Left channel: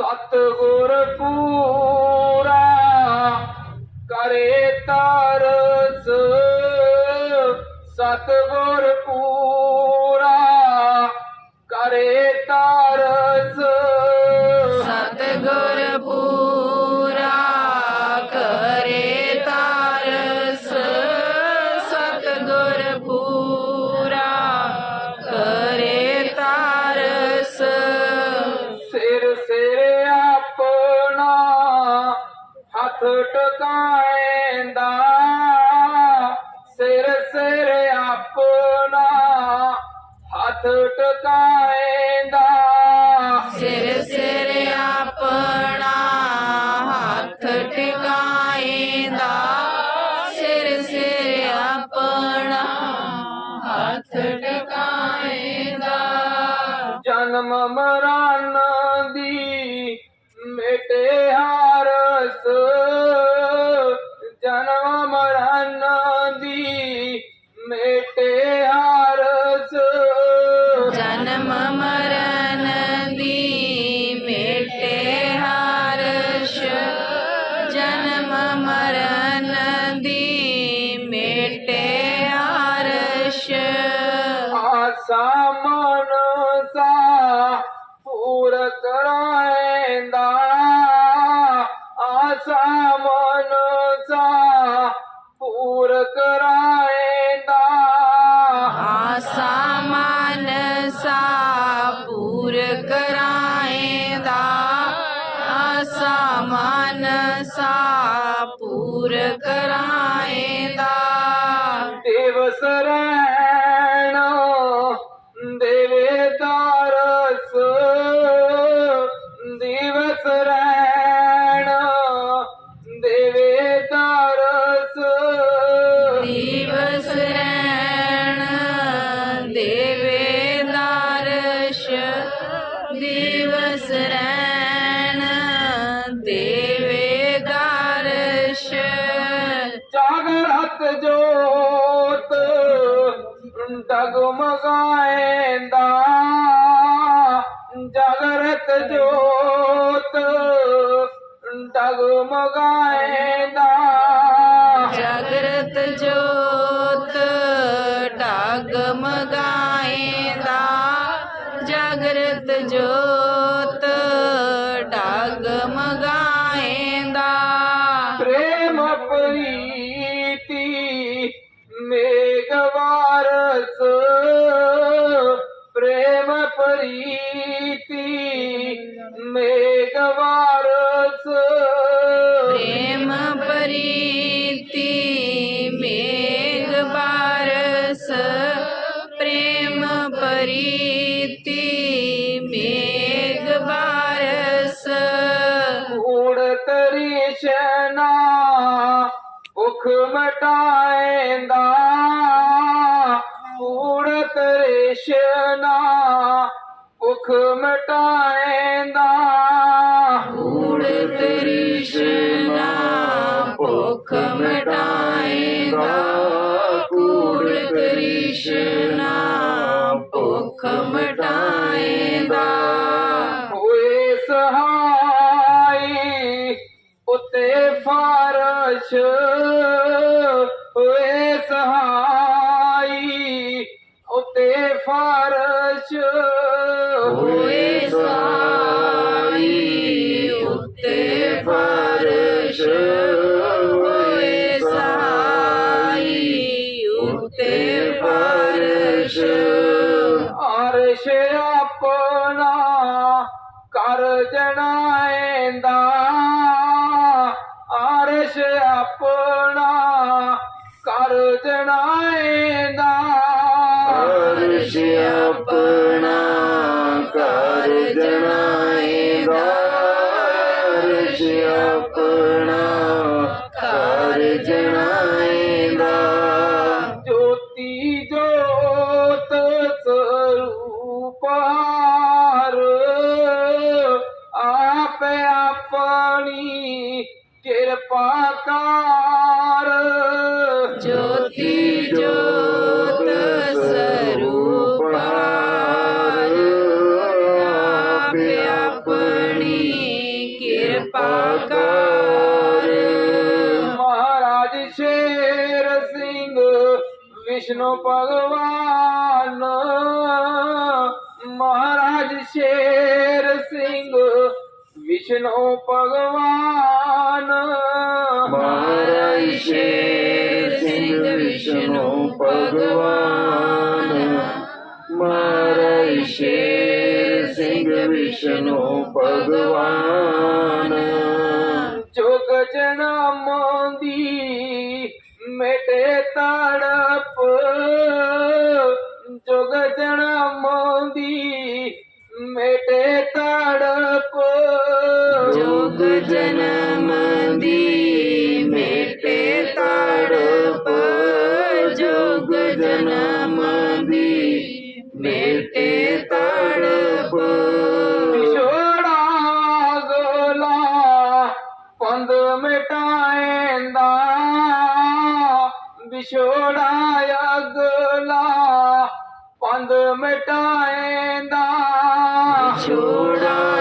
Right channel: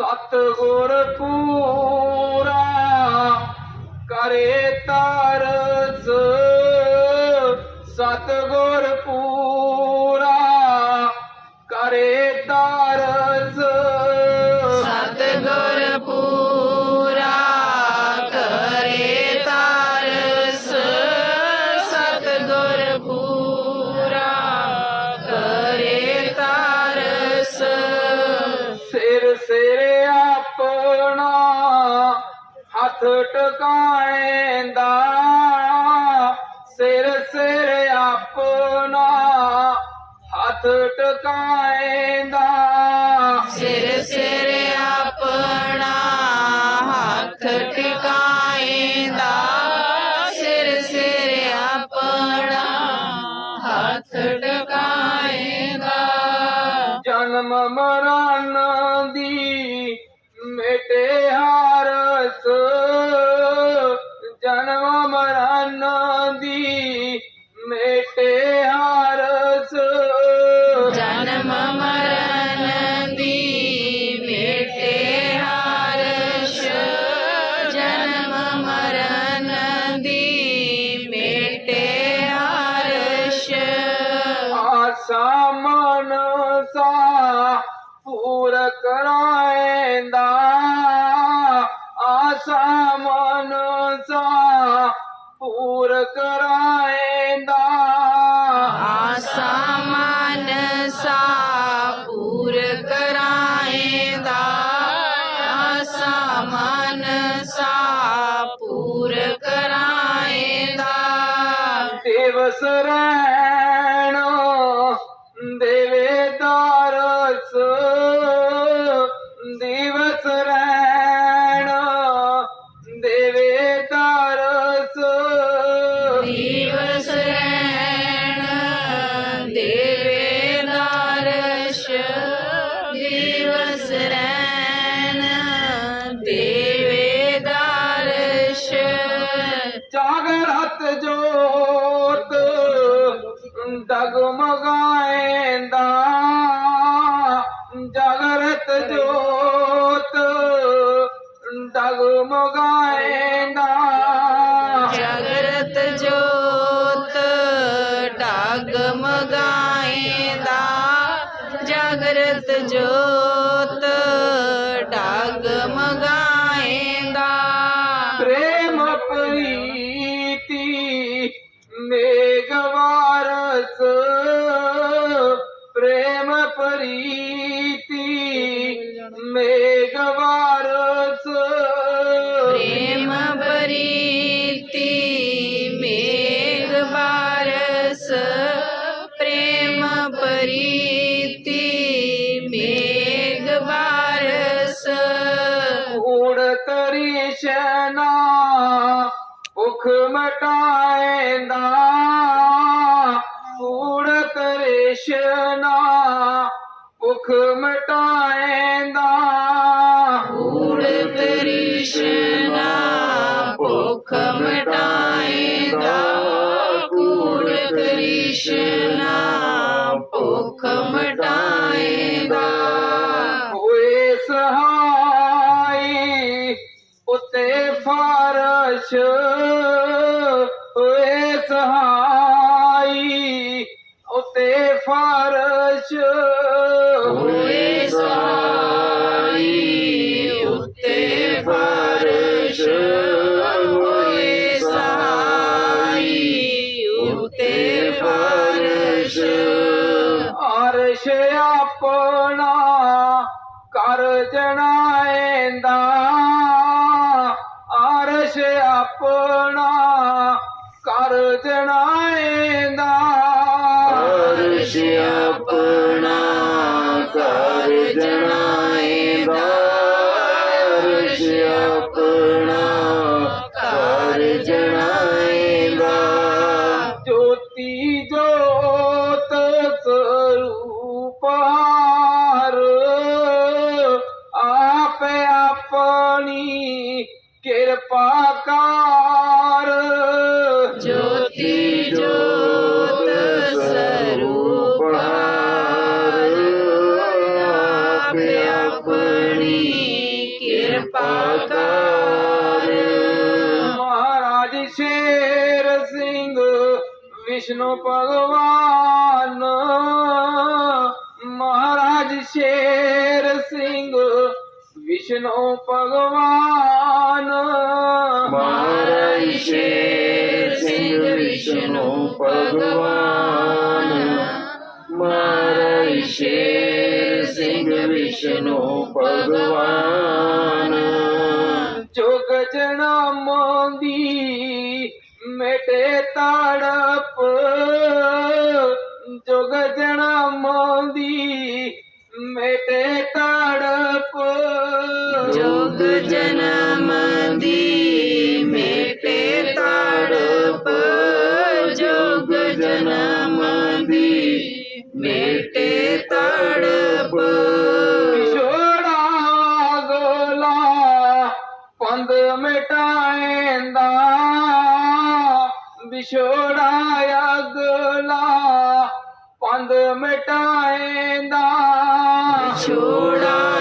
ਸਤਿਗੁਰ ਪੂਰਾ ਕਰੇ ਤਰਸ ਸਤਿਗੁਰ ਪੂਰਾ ਹੱਥ ਟਿਕਾਏਂਦਾ। ਸਿਰ ਸਿਰ ਆਪਣਾ ਹੱਥ ਟਿਕਾਏਂਦਾ। ਸਿਰ ਸਿਰ ਆਪਣਾ ਹੱਥ ਟਿਕਾਏਂਦਾ। ਜਨਮ ਮਨ ਸਾ ਪੂਰ ਕਰਾਏਂਦਾ ਆਸਾ ਮਨ ਸਾ ਪੂਰ ਕਰਾਏਂਦਾ ਆਸਾ ਮਨ ਸਾ ਪੂਰ ਕਰਾਏਂਦਾ ਆਸਾ ਮਨ ਸਾ ਪੂਰ ਕਰਾਏਂਦਾ ਡਗਮਗਾਏਂਦਾ ਜਾਗਰਤ ਜੋਤ ਡਗਮਗਾਏਂਦਾ ਜਾਗਰਤ ਜੋਤ ਮਗਾਏਂਦਾ ਜਾਗਰਤ ਜੋਤ ਮਗਾਏਂਦਾ। ਪ੍ਰੇਮ ਪ੍ਰੇਮ ਪ੍ਰੀਤੀ ਮੇਘ ਬਾਰਸ ਊੜ ਤਰੀਸ਼ਨਾ ਭੁਖ ਮਟਾਏਂਦਾ ਊੜ ਤਰੀਸ਼ਨਾ ਭੁਖ ਮਟਾਏਂਦਾ ਫਰਸ਼। ਹੋਏ ਸਾਈ ਉੱਤੇ ਫਰਸ਼। ਹੋਏ ਸਾਈ ਉੱਤੇ ਆਪਣੀ ਕਿਰਪਾ ਕਰ। ਮਹਾਰਾਜ ਸ਼ੇਰ ਸਿੰਘ ਵਿਸ਼ਨੂੰ ਭਗਵਾਨ। ਮਹਾਰਾਜ ਸ਼ੇਰ ਸਿੰਘ ਵਿਸ਼ਨੂੰ ਭਗਵਾਨ। ਮਹਾਰਾਜ ਸ਼ੇਰ ਸਿੰਘ ਵਿਸ਼ਨੂੰ ਭਗਵਾਨ। ਮਹਾਰਾਜ ਸ਼ੇਰ ਸਿੰਘ ਵਿਸ਼ਨੂੰ ਮਿਟਾਏਂਦਾ ਵਿਛੋੜਾ ਅਗਲਾ ਪੰਦ ਮਿਟਾਏਂਦਾ ਛੋੜਾ